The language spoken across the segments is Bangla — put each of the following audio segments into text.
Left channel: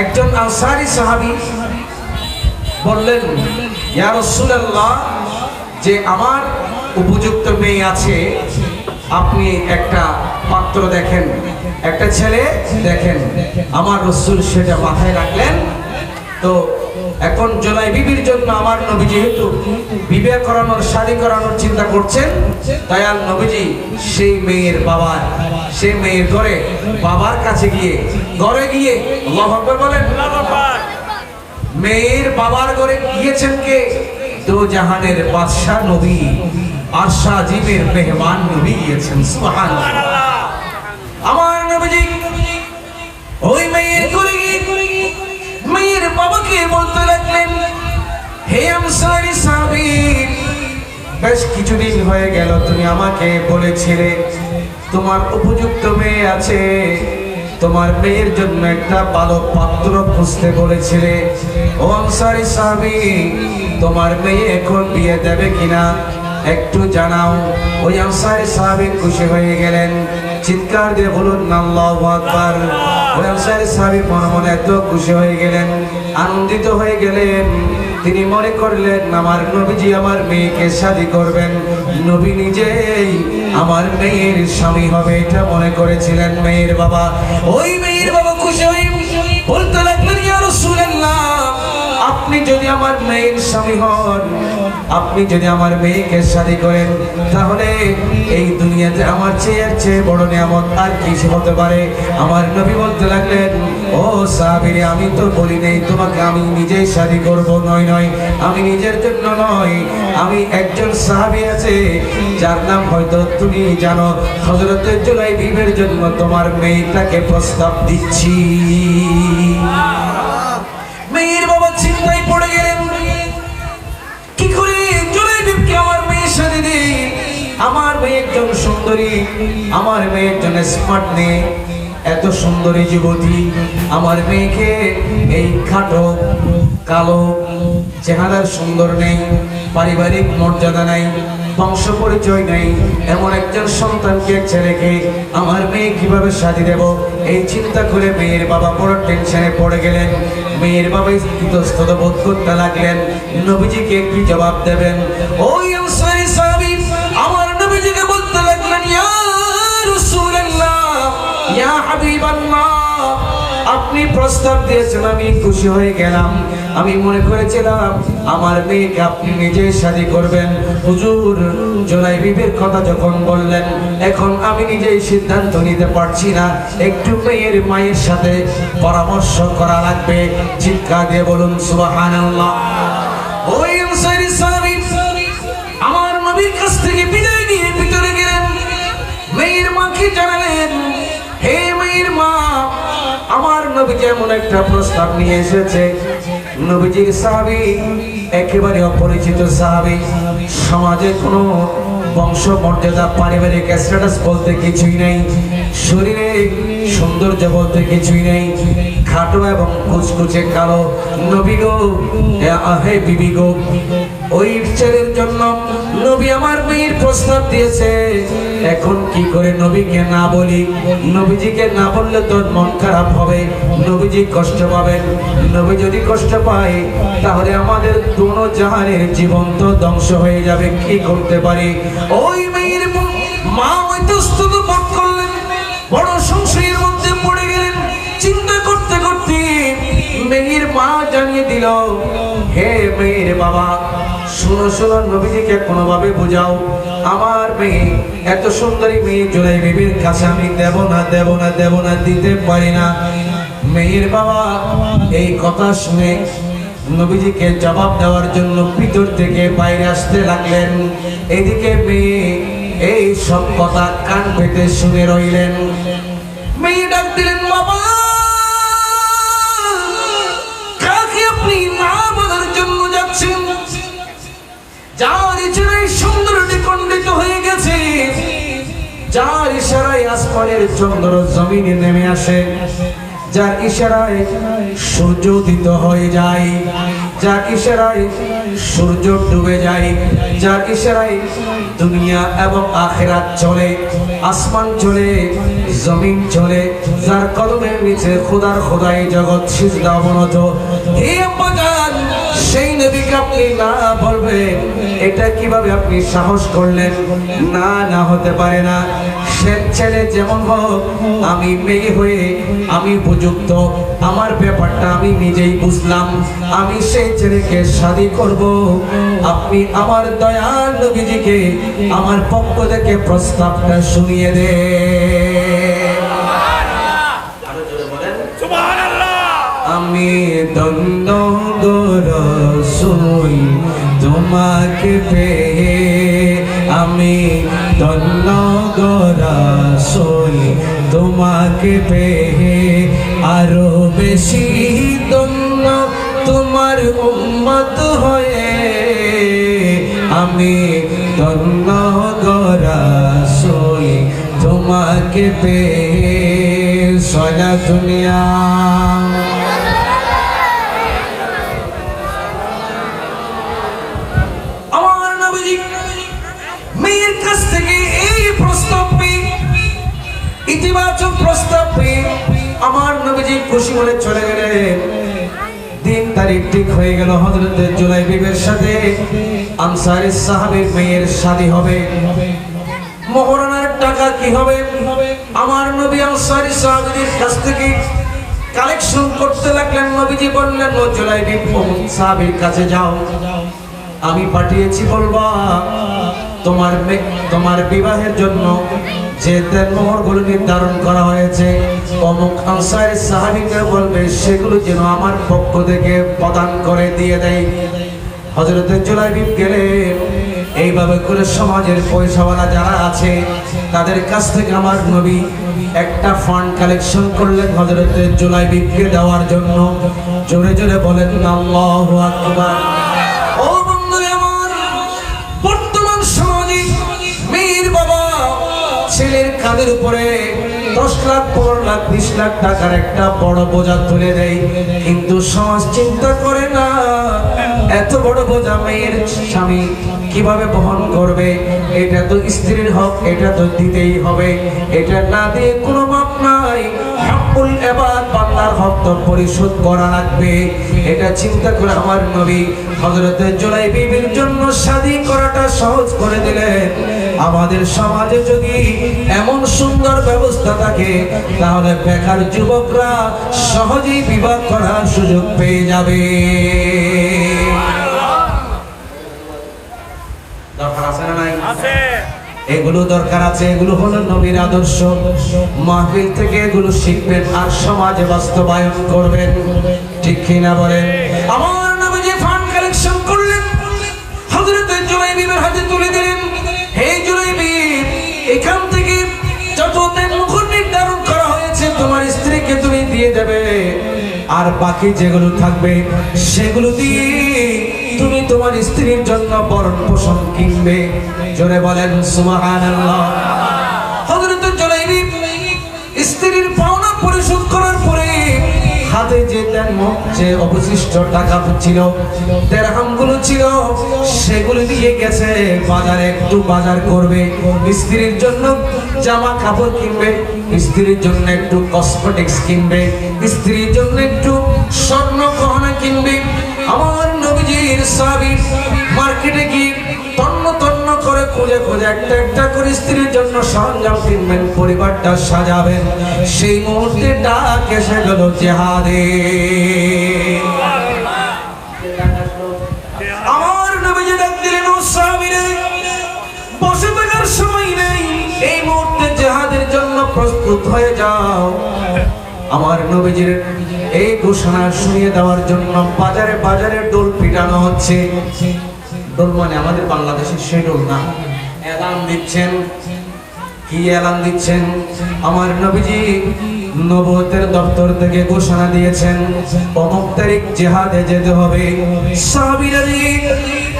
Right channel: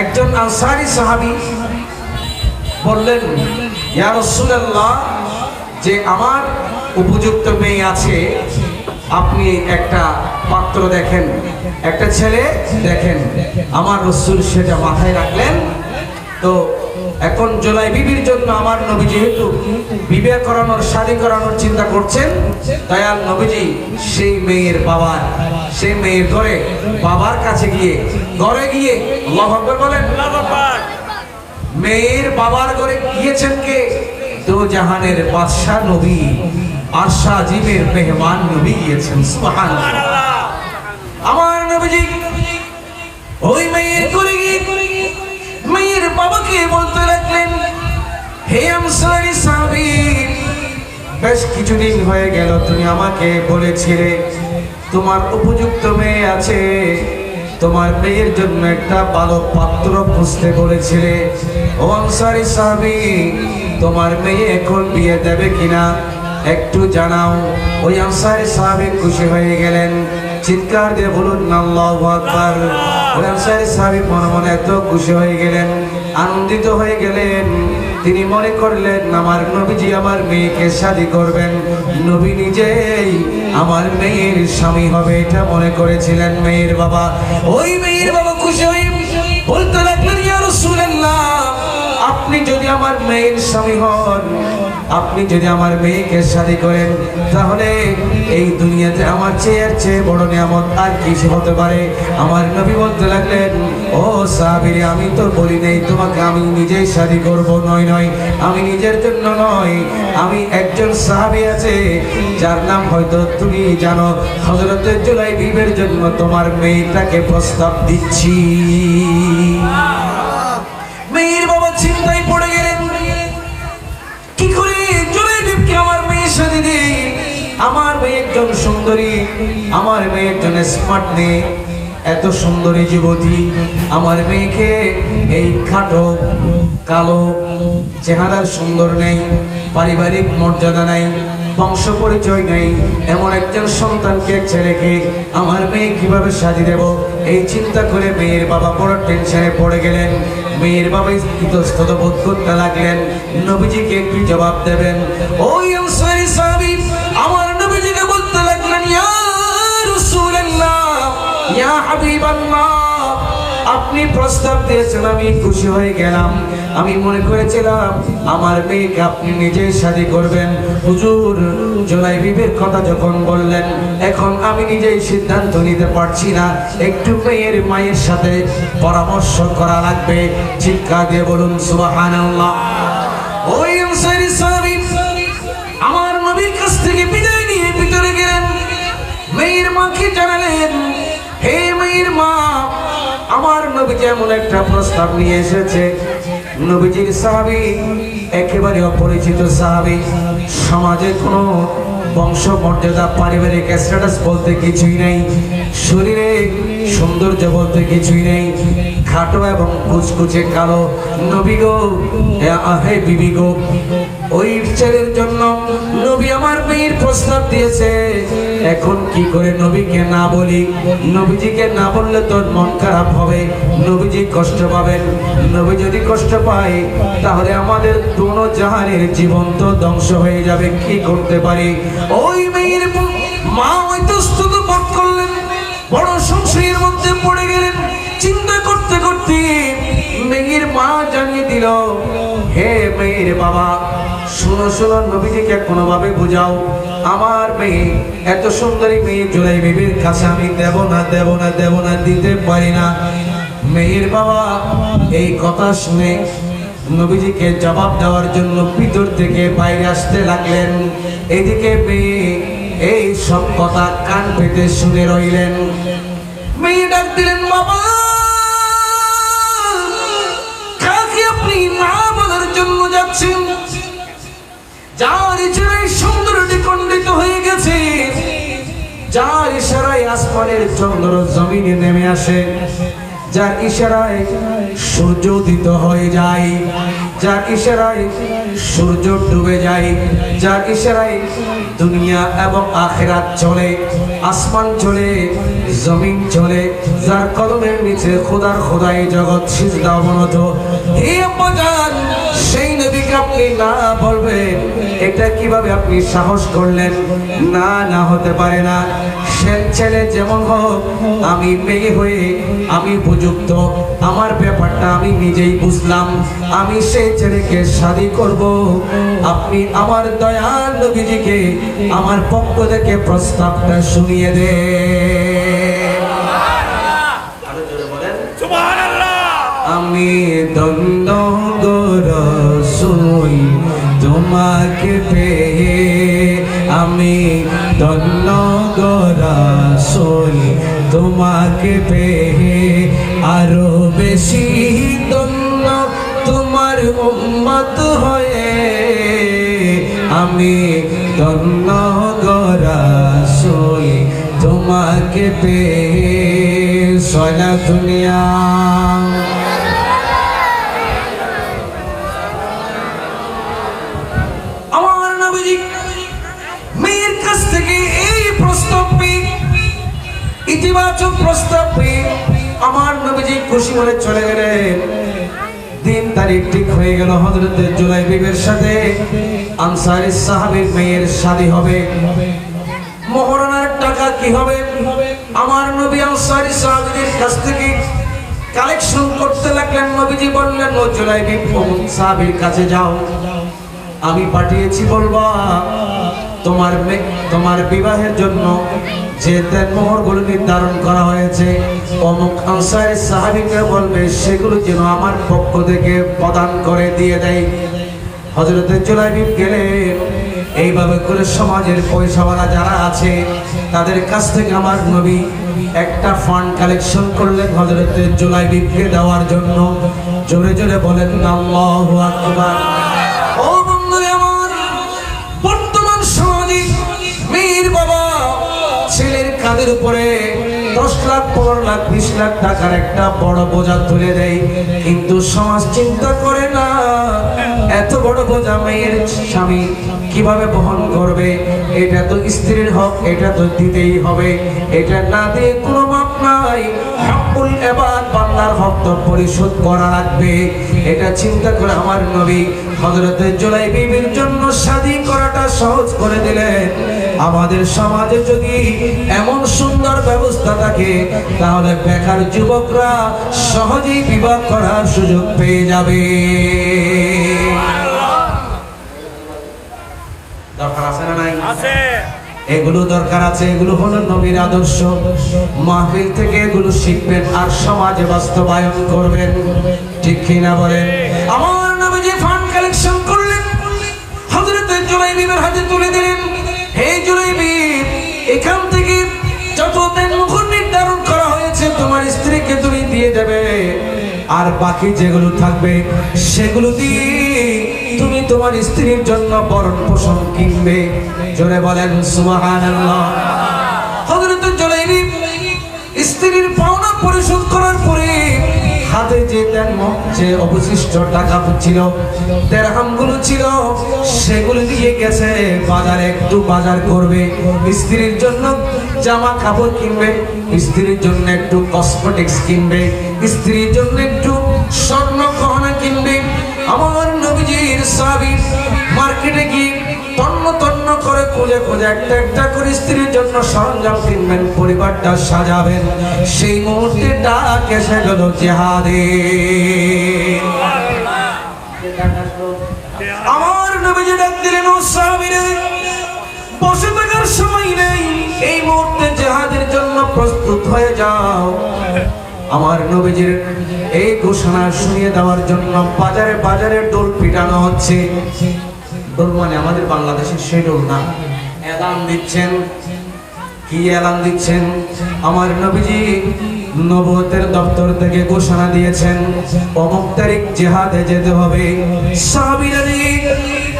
একজন আনসারী সাহাবী বললেন, ইয়া রাসূলুল্লাহ, যে আমার উপযুক্ত মেয়ে আছে, আপনি একটা পাত্র দেখেন, একটা ছেলে দেখেন। আমার রাসূল সেটা মাথায় রাখলেন। তো এখন জোলাই বিবির জন্য আমার নবী যেহেতু বিবাহ করানোর, শাদী করানোর চিন্তা করছেন, দয়াল নবীজি সেই মেয়ের ঘরে বাবার কাছে গিয়ে, ঘরে গিয়ে আল্লাহু আকবার বলেন, মেয়ের বাবার ঘরে গিয়েছেন কে? দো জাহানের বাদশা নবী, আরশা আজিমের মেহমান নবী গিয়েছেন। সুবহানাল্লাহ। আমার নবীজি ওই মেয়ের ঘরে গিয়ে মেয়ের বাবাকে বলতে লাগলেন, হে আনসারী সাহাবী, বেশ কিছুদিন হয়ে গেল তুমি আমাকে বলেছিলে তোমার উপযুক্ত মেয়ে আছে, তোমার মেয়ের জন্য একটা ভালো পাত্র খুঁজতে বলেছিলে। ও আনসারী সাহাবী, তোমার মেয়ে এখন বিয়ে দেবে কিনা একটু জানাও। ওই আনসারী সাহাবী খুশি হয়ে গেলেন, চিৎকার দিয়ে বলুন আল্লাহু আকবার। ওই আনসারী সাহাবী মনে এত খুশি হয়ে গেলেন, আনন্দিত হয়ে গেলেন, তিনি মনে করলেন আমার নবীজি আমার মেয়েকে শাদী করবেন, নবী নিজেই আমার মেয়ের স্বামী হবে, এটা মনে করেছিলেন মেয়ের বাবা। ওই মেয়ের বাবা খুশি হয়ে বলতে লাগলেন, ইয়া রাসূলুল্লাহ, আপনি যদি আমার মেয়ের স্বামী হন, আপনি যদি আমার মেয়েকে শাদী করেন, তাহলে এই দুনিয়াতে আমার চেয়ে বড় নিয়ামত আর কিছু হতে পারে। আমার নবী বলতে লাগলেন, ও সাহাবীরে, আমি তো বলি নাই তোমাকে আমি নিজেই শাদী করব, নয়, আমি নিজের জন্য নয়, আমি একজন সাহাবী আছে যার নাম হয়তো তুমি জানো, হযরত জুলাই বিবির জন্য তোমার মেয়েটাকে প্রস্তাব দিচ্ছি। মেয়ের বাবা চিন্তায় পড়ে গেলেন, কি করে জুলাই বিবিকে আমার মেয়ের সাথে দেই? আমার মেয়ে একজন সুন্দরী, আমার মেয়ে একজন স্মার্ট মেয়ে, এত সুন্দরী যুবতী, আমার মেয়েকে এই খাটো কালো চেহারার সুন্দর নেই, পারিবারিক মর্যাদা নেই, বংশ পরিচয় নেই, এমন একজন সন্তানকে, ছেলেকে আমার মেয়ে কিভাবে শাদী দেব? এই চিন্তা করে মেয়ের বাবা বড় টেনশনে পড়ে গেলেন। মেয়ের বাবা ইতস্তত বোধ করতে লাগলেন, নবীজিকে কি জবাব দেবেন? ওই আনসারী সাহাবী আমার নবীজিকে বলতে লাগলেন, ইয়া রাসূলুল্লাহ, ইয়া হাবিবাল্লাহ, আপনি প্রস্তাব দিয়েছেন, আমি খুশি হয়ে গেলাম, আমি মনে করেছিলাম আমার মেয়েকে আপনি নিজে শাদী করবেন। হুজুর জুলাই বিবির কথা যখন বললেন, এখন আমি নিজেই সিদ্ধান্ত নিতে পারছি না, একটু মেয়ের মায়ের সাথে পরামর্শ করা লাগবে। চিৎকার দিয়ে বলুন সুবহানাল্লাহ। ওই আনসারী সাহাবী আমার নবীর কাছ থেকে বিদায় নিয়ে ভিতরে গেলেন, মেয়ের মাকে জানালেন, হে মেয়ের মা, আমার নবী যেমন একটা প্রস্তাব নিয়ে এসেছে। নবীজির সাহাবী একেবারে অপরিচিত সাহাবী, সমাজে কোনো বংশ মর্যাদা, পারিবারিক স্ট্যাটাস বলতে কিছুই নেই, শরীরে সৌন্দর্য বলতে কিছুই নেই, খাটো এবং কুচকুচে কালো। নবী গো, হে বিবি গো, ওই ছেলের জন্য নবী আমার মেয়ের প্রস্তাব দিয়েছে, এখন কি করে নবীকে না বলি? নবীজিকে না বললে তো মন খারাপ হবে, নবীজি কষ্ট পাবেন, নবী যদি কষ্ট পায় তাহলে আমাদের দুনো জাহানের জীবন তো ধ্বংস হয়ে যাবে, কি করতে পারি? ওই মেয়ের মা ইতস্তত বোধ করলেন, বড় সংশয়ের মধ্যে পড়ে গেলেন। চিন্তা করতে করতে মেয়ের মা জানিয়ে দিল, হে মেয়ের বাবা, শুনো, নবীজিকে কোনোভাবে বুঝাও, আমার মেয়ে, এত সুন্দরী মেয়ে জুলাই বিবির কাছে আমি দেব না, দিতে পারি না। মেয়ের বাবা এই কথা শুনে নবীজিকে জবাব দেওয়ার জন্য ভিতর থেকে বাইরে আসতে লাগলেন। এদিকে মেয়ে এই সব কথা কান পেতে শুনে রইলেন। মেয়ে ডাক দিলেন, বাবা, কাকে আপনি না বলার জন্য যাচ্ছেন? যার ইচ্ছায় সৌন্দর্যে খণ্ডিত হয়ে গেছে, যার ইশারায় আসমানের চন্দ্র জমিনে নেমে আসে, যার ইশারায় সূর্য উদিত হয়ে যায়, যার ইশারায় সূর্য ডুবে যায়, যার ইশারায় দুনিয়া এবং আখিরাত চলে, আসমান চলে, জমিন চলে, যার কদমের নিচে খোদার খোদাই জগৎ সিজদা অবনত। হে বাজান, সেই নবীকে আপনি না বলবেন, এটা কিভাবে আপনি সাহস করলেন? না, না হতে পারে না। সে ছেলে যেমন হোক, আমি মেয়ে হয়ে আমি উপযুক্ত, আমার ব্যাপারটা আমি নিজেই বুঝলাম, আমি সেই ছেলেকে শাদী করব। আপনি আমার দয়াল নবীজিকে আমার পক্ষ থেকে প্রস্তাবটা শুনিয়ে দে। আমি ধন্য গো রাসূল তোমাকে পেয়ে, আমি ধন্য গো রাসূল তোমাকে পেয়ে, আরো বেশি ধন্য তোমার উম্মত হয়ে। আমি ধন্য গো রাসূল তোমাকে পেয়ে। সালাতুল্লাহ। ইতিবাচক প্রস্তাব পেয়ে আমার নবীজি খুশি হয়ে চলে গেলেন। দিন তারিখ ঠিক হয়ে গেল, হযরত জুলাইবিবের সাথে আনসারী সাহাবীর মেয়ের শাদী হবে। মোহরানার টাকা কি হবে? আমার নবী আনসারী সাহাবীদের কাছ থেকে কালেকশন করতে লাগলেন। নবীজি বললেন, ও জুলাইবিব, সাহাবীর কাছে যাও, আমি পাঠিয়েছি, বলবা তোমার বিবাহের জন্য যে মোহরগুলো নির্ধারণ করা হয়েছে, অমুক আনসারী সাহাবীকে বলবে সেগুলো যেন আমার পক্ষ থেকে প্রদান করে দিয়ে দেয়। হযরত জুলাইবিব গেলেন। এইভাবে করে সমাজের পয়সাওয়ালা যারা আছে তাদের কাছ থেকে আমার নবী একটা ফান্ড কালেকশন করলেন হযরত জুলাইবিবকে দেওয়ার জন্য। জোরে জোরে বলেন আল্লাহু আকবার। ও বন্ধু আমার, বর্তমান সমাজে মেয়ের বাবা ছেলের কাঁধের উপরে 10 লাখ 15 লাখ 20 লাখ টাকার একটা বড় বোঝা তুলে দেয়, কিন্তু সমাজ চিন্তা করে না এত বড় বোঝা মেয়ের স্বামী কিভাবে বহন করবে। এটা তো স্ত্রীর হক, এটা তো দিতেই হবে, এটা না দিয়ে কোনো মাপ নাই। হকুল ইবাদ, বান্দার হক তো পরিশোধ করা লাগবে। এটা চিন্তা করে আমার নবী হযরত জুলাইবিবের জন্য শাদী করাটা সহজ করে দিলেন। আমাদের সমাজে যদি এমন সুন্দর ব্যবস্থা থাকে তাহলে বেকার যুবকরা সহজেই বিবাহ করার সুযোগ পেয়ে যাবে। দরকার আছে না নাই? এগুলো দরকার আছে। এগুলো হলো নবীর আদর্শ। মাহফিল থেকে এগুলো শিখবেন আর সমাজে বাস্তবায়ন করবেন। ঠিক কিনা বলেন? আমার নবী যে ফান্ড কালেকশন করলেন হযরত জুলাইবিবের হাতে তুলে দিলেন। হে জুলাইবিব, এখান থেকে যত মোহর নির্ধারণ করা হয়েছে তোমার স্ত্রীকে তুমি দিয়ে দেবে, আর বাকি যেগুলো থাকবে সেগুলো দিয়ে তুমি তোমার স্ত্রীর জন্য বরণ পোষণ কিনবে। জোরে বলেন সুবহানাল্লাহ। হযরত জুলাইবিব স্ত্রীর পাওনা পরিশোধ করার পরে হাতে যে অবশিষ্ট টাকা ছিল, দিরহামগুলো ছিল, সেগুলো দিয়ে গেছে বাজারে, একটু বাজার করবে, স্ত্রীর জন্য জামা কাপড় কিনবে, স্ত্রীর জন্য একটু কসমেটিক্স কিনবে, স্ত্রীর জন্য একটু স্বর্ণ গহনা কিনবে। আমার নবীজির সাহাবী মার্কেটে গিয়ে তন্ন তন্ন করে খুঁজে খুঁজে একটা একটা করে স্ত্রীর জন্য সরঞ্জাম কিনবেন, পরিবারটা সাজাবেন। সেই মুহূর্তে ডাক এসে গেল জিহাদে। আমার নবীজি ডাক দিলেন, ও সাহাবীরা, বসে থাকার সময় নেই, এই মুহূর্তে জিহাদের জন্য প্রস্তুত হয়ে যাও। আমার নবীজির এই ঘোষণা শুনিয়ে দেওয়ার জন্য বাজারে বাজারে ডোল পিটানো হচ্ছে। ডোল মানে আমাদের বাংলাদেশের সেই ডোল না, এলান দিচ্ছেন। কি এলান দিচ্ছেন? আমার নবীজি নবুয়তের দপ্তর থেকে ঘোষণা দিয়েছেন, অমুক তারিখ জিহাদে যেতে হবে। সাহাবীরা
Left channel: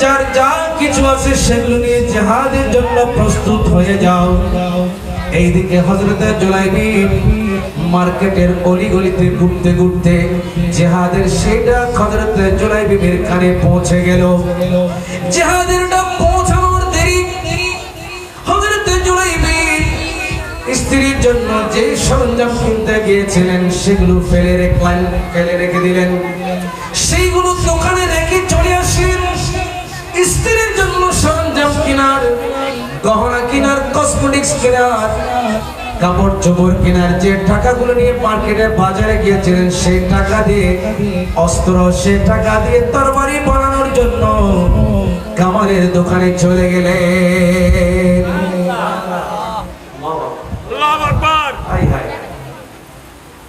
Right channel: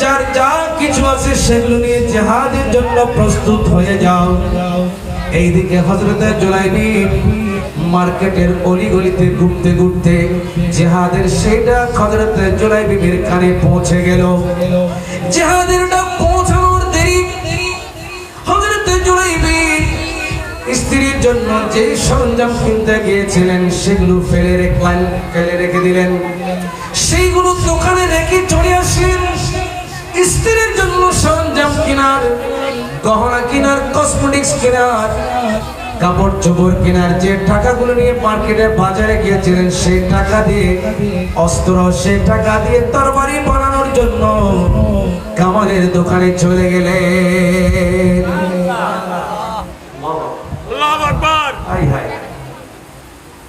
যার যা কিছু আছে সেগুলো নিয়ে জিহাদের জন্য প্রস্তুত হয়ে যাও। এইদিকে হযরত জুলাইবিব মার্কেটের অলিগলিতে ঘুরতে ঘুরতে জিহাদের সেটা হযরত জুলাইবিবের কানে পৌঁছে গেল। জিহাদের ডাক পৌঁছানোর দেরি, হযরত জুলাইবি স্ত্রীর জন্য যে সরঞ্জাম কিনতে গিয়েছিলেন সেগুলো ফেলে রেখে দিলেন। সেইগুলো দোকানে রেখে চলে আসলেন স্ত্রীর জন্য সরঞ্জাম কেনার, গহনা কেনার, কসমেটিক্স কেনার, কাপড় চোপড় কেনার যে টাকাগুলো নিয়ে মার্কেটে বাজারে গিয়েছিলেন সেই টাকা দিয়ে অস্ত্র, সেই টাকা দিয়ে তরবারি বানানোর জন্য কামারের দোকানে চলে গেলেন।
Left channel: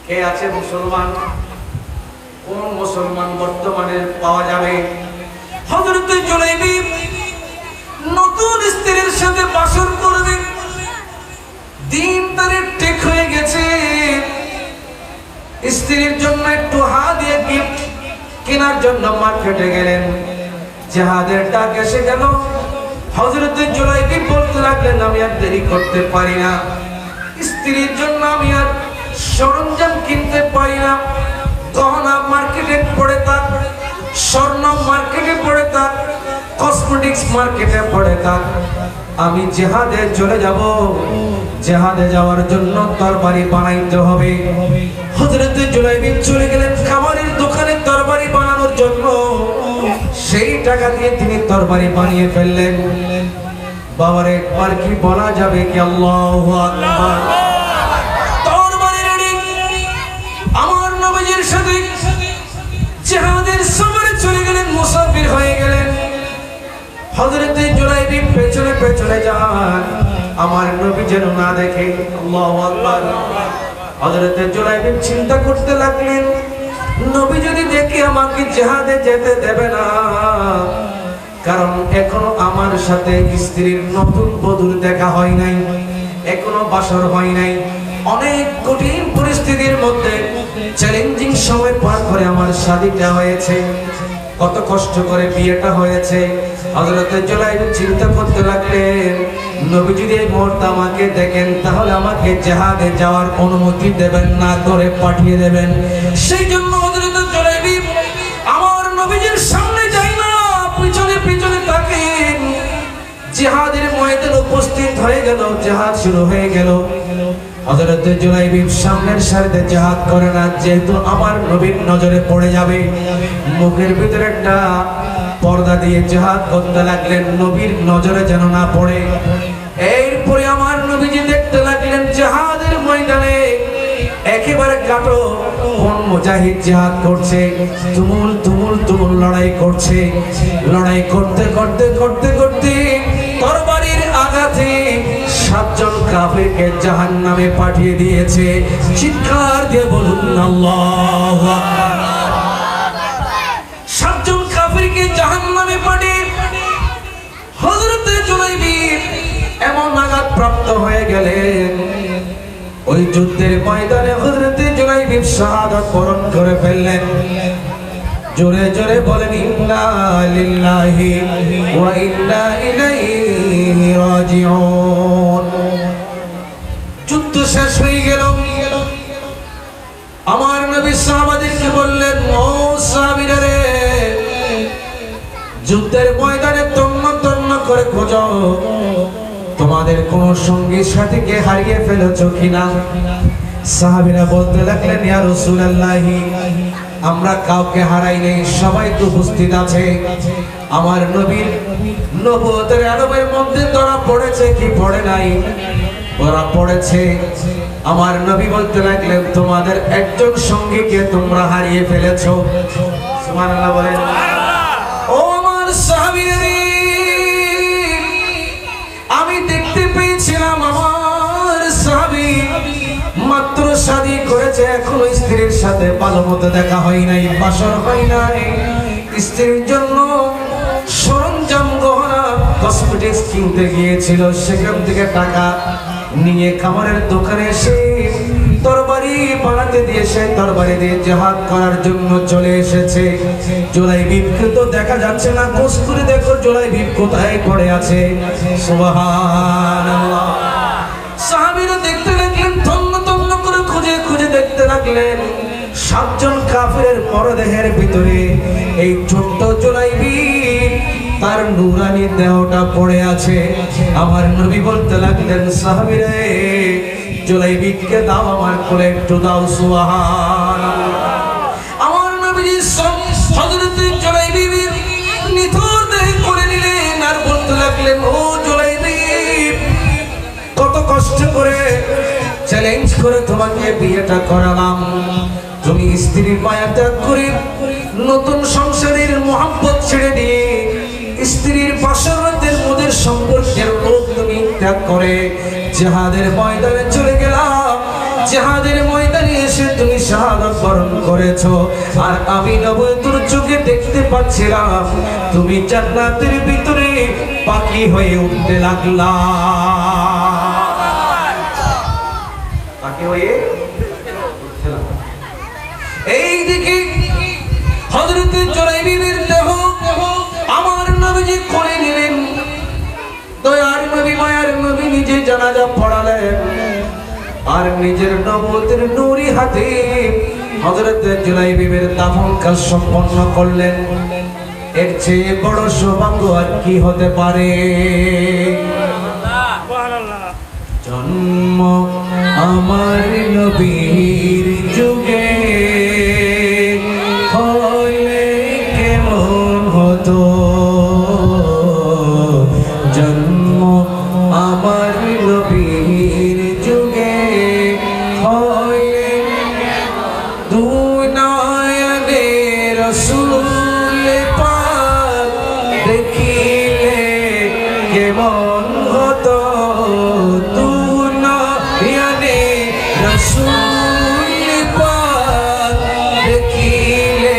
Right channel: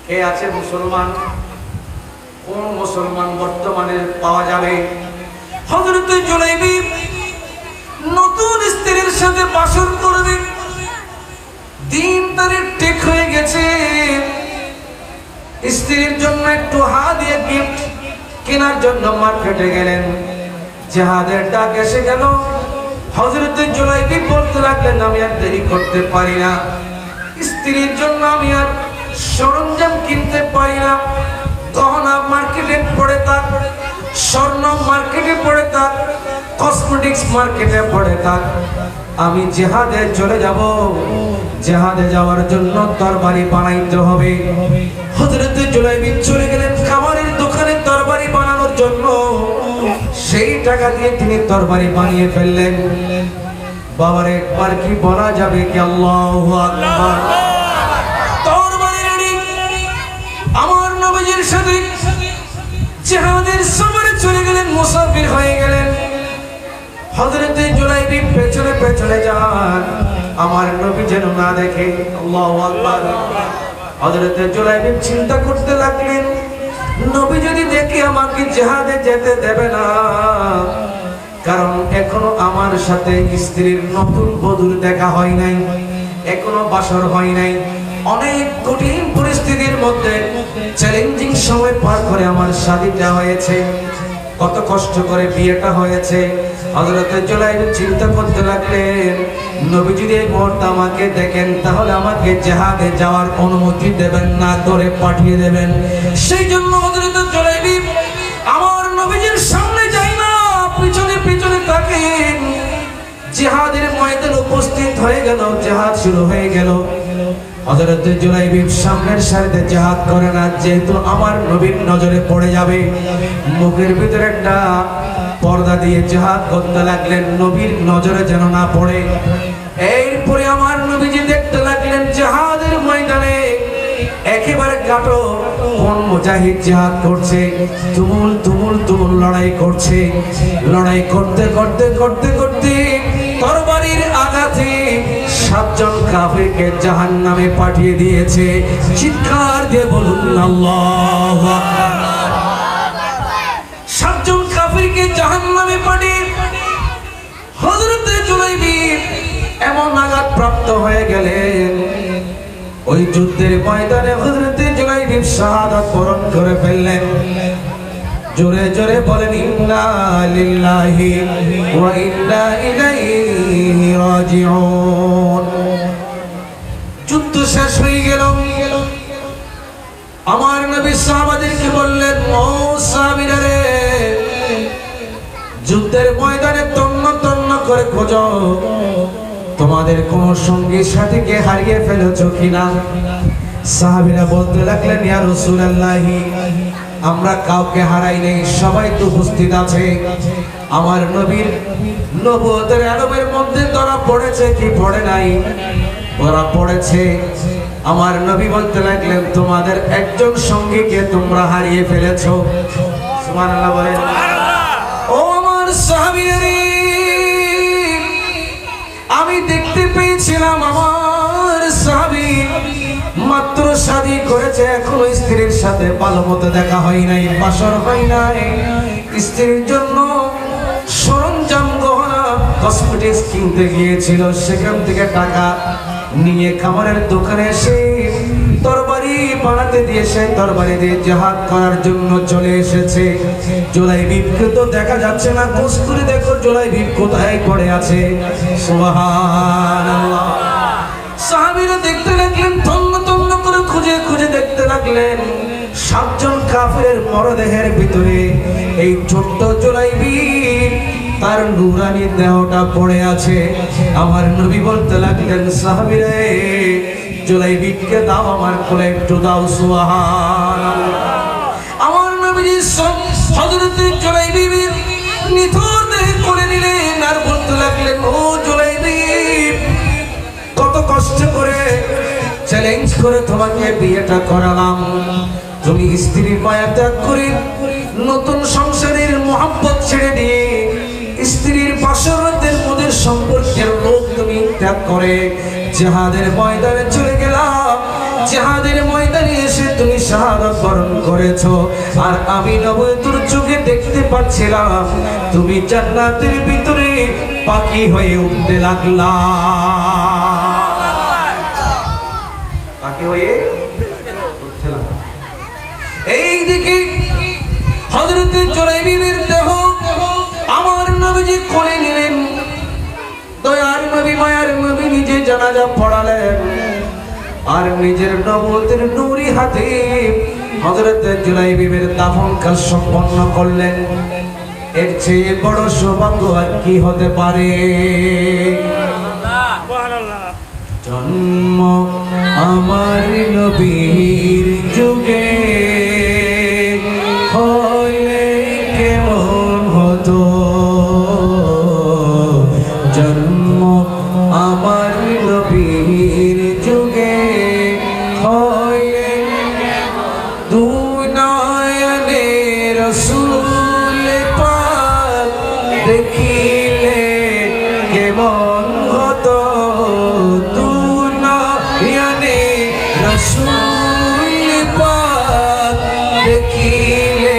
কে আছে মুসলমান? কোন মুসলমান বর্তমানে পাওয়া যাবে? হযরত জুলাইবি নতুন স্ত্রীর সাথে বাসর করবে, দিন তারিখ ঠিক হয়ে গেছে। স্ত্রীর জন্য একটু হাদিয়া গিফট কেনার জন্য মার্কেটে গেলেন। জিহাদের ডাক এসে গেল। হযরত জুলাইবি বলতে লাগলেন, আমি আর দেরি করতে পারি না, স্ত্রীর জন্য আমি আর সরঞ্জাম কিনতে পারি না। গহনা মার্কেটে পড়ে থাক, স্বর্ণ মার্কেটে পড়ে থাক, কসমেটিক্স মার্কেটে পড়ে থাক, আমি জিহাদে চলে যাব। জিহাদে যাওয়ার জন্য তরবারি বানাইতে হবে। হযরত জুলাইবি চলে গেলেন কামারের দোকানে তরবারি বানানোর জন্য। সেই টাকা দিয়ে তিনি তরবারি বানিয়ে ফেললেন। বাবার একবার কি বলা যাবে কি আল্লাহু আকবার? আমার নবীর সাথে জিহাদের সফরে চলে গেলেন, মুসাফির হয়ে গেলেন। হযরত জুলাইবি পেছনে পেছনে যান, আমার নবী যেন না দেখে। আল্লাহু আকবার। হযরত জুলাইবি চিন্তা করতে লাগলেন, নবী যদি দেখে আমাকে জিহাদে যেতে দেবে না, কারণ এখনো আমার সাথে স্ত্রীর নতুন বধূর দেখা হয় নাই, এখনো বাসর হয় নাই। অনেক কঠিন পরিস্থিতির মধ্যে চ্যালেঞ্জিং সময় পার করে আমার শাদীটা হয়েছে, কত কষ্ট করে বিয়েটা হয়েছে। হযরত জুলাইবি চিন্তা করতে লাগলেন, নবী যদি এই মুহূর্তে আমাকে দেখেন তাহলে আমাকে জিহাদে যাওয়ার অনুমতি দেবেন না, করে পাঠিয়ে দেবেন। সেই জন্য হযরত জুলাইবি আমার নবীর সামনে যায় না, পিছনে পিছনে থাকেন। জিহাদের ময়দানে উপস্থিত হয়ে গেল, জিহাদ শুরু হয়ে গেল। হযরত জুলাইবি সামনের সারিতে জিহাদ করে না, যেহেতু আমার নবীর নজরে পড়ে যাবে। মুখের ভিতরে একটা পর্দা দিয়ে জিহাদ করতে লাগলেন, নবীর নজরে যেন না পড়ে। এরপরে আমার নবীজি দেখতে লাগলেন জিহাদের ময়দানে একেবারে কাটো কোন মুজাহিদ জিহাদ করছে, তুমুল তুমুল তুমুল লড়াই করছে। লড়াই করতে করতে করতে করতে তরবারির আঘাতে 7 জন কাফেরকে জাহান্নামে পাঠিয়ে দিয়েছে। চিৎকার দিয়ে বলুন আল্লাহু আকবার। 7 জন কাফেরকে জাহান্নামে পাঠিয়ে হযরত জুলাইবি এমন আঘাত প্রাপ্ত হয়ে গেলেন, ওই যুদ্ধের ময়দানে হযরত জুলাইবি শাহাদাত বরণ করে ফেললেন। জোরে জোরে বলেন ইন্না লিল্লাহি ওয়া ইন্না ইলাইহি রাজিউন। যুদ্ধ শেষ হয়ে গেল। আমার নবী সাহাবাদেরকে বললেন, ও সাহাবীরা রে, যুদ্ধের ময়দানে তন্ন তন্ন করে খোঁজো, তোমাদের কোন সঙ্গী সাথীকে হারিয়ে ফেলেছো কিনা। সাহাবীরা বলতে লাগলেন, ইয়া রাসূলুল্লাহ, আমরা কাউকে হারাই নেই, সবাই তো উপস্থিত আছে। আমার নবীর নবুয়তের আলমের মধ্যে ধরা পড়েছে কি পড়ে নাই? ধরা পড়েছে। আমার নবী বলতে লাগলেন, তোমাদের একজন সঙ্গীকে তোমরা হারিয়ে ফেলেছো। সুবহানাল্লাহ বলেন। ও আমার সাহাবীরা, আমি দেখতে পেয়েছিলাম আমার সাহাবী মাত্র শাদী করেছে, এখনো স্ত্রীর সাথে ভালো মতো দেখা হয় নাই, বাসর হয় নাই। স্ত্রীর জন্য সরঞ্জাম, গহনা, কসমেটিক্স কিনতে গিয়েছিল, সেখান থেকে টাকা নিয়ে খাবারের দোকানে এসে তরবারি বানাতে দিয়ে সেই তরবারি দিয়ে জিহাদ করার জন্য চলে এসেছে। জুলাইবিবকে তো দেখা যাচ্ছে না, খোঁজ করে দেখো জুলাইবিব কোথায় পড়ে আছে। সুবহানাল্লাহ। সাহাবীরা দেখতে লাগলেন, তন্ন তন্ন করে খুঁজে খুঁজে লাগলেন 7 জন কাফিরের মরদেহের ভিতরে এই ছোট্ট জুলাইবি তার নূরানি দেহটা পড়ে আছে। আমার নবী বলতে লাগলেন সাহাবীরা জুলাইবিকে দাও আমার কোলে একটু দাও সুবহানাল্লাহ। আমার নবী হযরত জুলাইবি নিথর দেহে কোলে নিলেন আর বলতে লাগলেন ও জুলাইবি কত কষ্ট করে চ্যালেঞ্জ করে তোমাকে বিয়েটা করালাম, তুমি স্ত্রীর মায়া ত্যাগ করে নতুন সংসারের মহব্বত ছেড়ে দিয়ে স্ত্রীর পাশাপাতের মধ্যে সম্পর্কের লোক তুমি ত্যাগ করে জিহাদের ময়দানে চলে গেলাম। জিহাদের ময়দানে এসে তুমি শাহাদাত বরণ করেছো আর আমি নবুয়তের চোখে দেখতে পাচ্ছিলাম তুমি জান্নাতের ভিতরে পাখি হয়ে উঠতে লাগলা। পাখি হয়ে এইদিকে হযরত জুলাইবির দেহ আমার নবীজি কোলে নিলেন। দয়ার নবী মায়ার নবী নিজে জানাজা পড়ালেন আর নিজের নবুয়তের নূরি হাতে হযরত জুলাইবির দাফন কাজ সম্পন্ন করলেন। এর চেয়ে বড় সৌভাগ্য আর কি হতে পারে? জন্ম আমার নবীর যুগে হলে কেমন হতো, জন্ম আমার নবীর যুগে হলে দুই নয়নে রাসূল পাক দেখিলে কেমন হতো, দুই নয়নে রাসূল পাক দেখিলে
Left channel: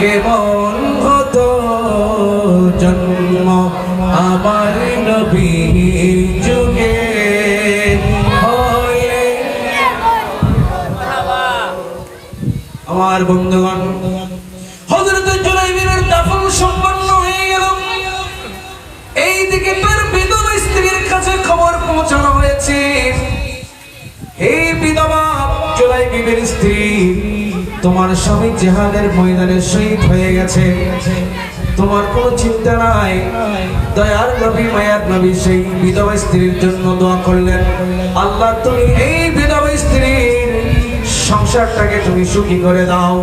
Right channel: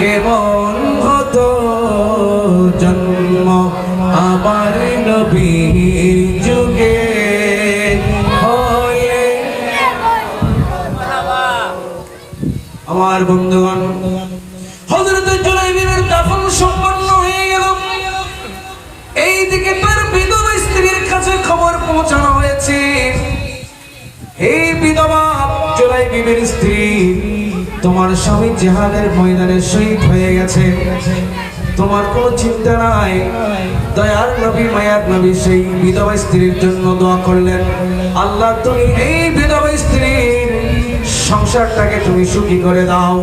কেমন হতো, জন্ম আমার নবীর যুগে হলে। আমার বন্ধুগণ হযরত জুলাইবির দাফন সম্পন্ন হয়ে গেল। এইদিকে তার বিধবা স্ত্রীর কাছে খবর পৌঁছানো হয়েছে, এই বিধবা জুলাইবির স্ত্রী তোমার স্বামী জিহাদের ময়দানে শহীদ হয়ে গেছে, তোমার কোনো চিন্তা নাই। দয়ার নবী মায়ার নবী সেই বিধবা স্ত্রীর জন্য দোয়া করলেন, আল্লাহ তুমি এই বিধবা স্ত্রীর সংসারটাকে তুমি সুখী করে দাও।